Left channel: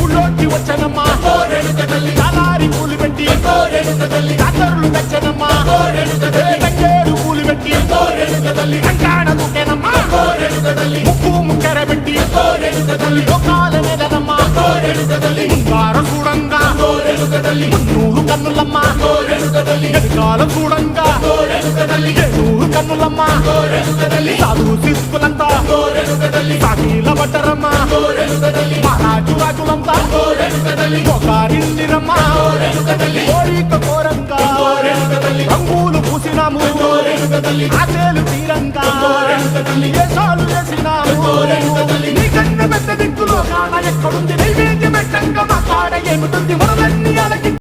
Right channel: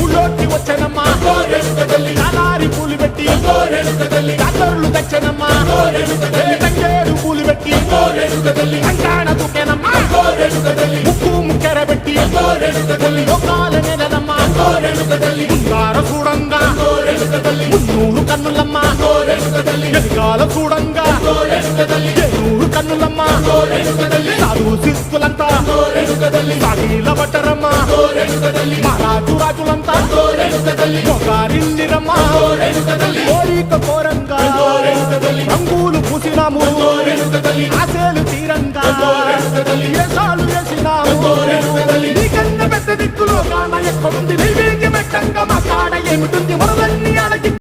ఊళ్ళోకి వచ్చానమ్మా చాలారి పూలు పెట్టి జాతరులు తెచ్చానమ్మా తంగేడు పూలు పెట్టి కంకాణ దూకేనమ్మా ముక్కు ముక్కెర పెట్టి ముల్లోకాల నెలనమ్మా ముందార చూడంగా మున్నూరు కన్నులమ్మా ఎదికాల చూడంగా ఏనూరు కన్నులమ్మా సాధు శిస్తులంతా సాగిల పడ్డరమ్మా మహారాజు రాజులంతా మొగారిల్లిరమ్మా కోరిక కోరంగా రంగులు పూసినాము ఆశలు తీరంగా ఏసాలు వేసినాము నీకన్నా పెద్ద దిక్కులో కాన ఎక్కడుంది నైవేద్యం ఎట్టంగా మా కాడ ఏమిటుంది మొదలన్నీ అలకి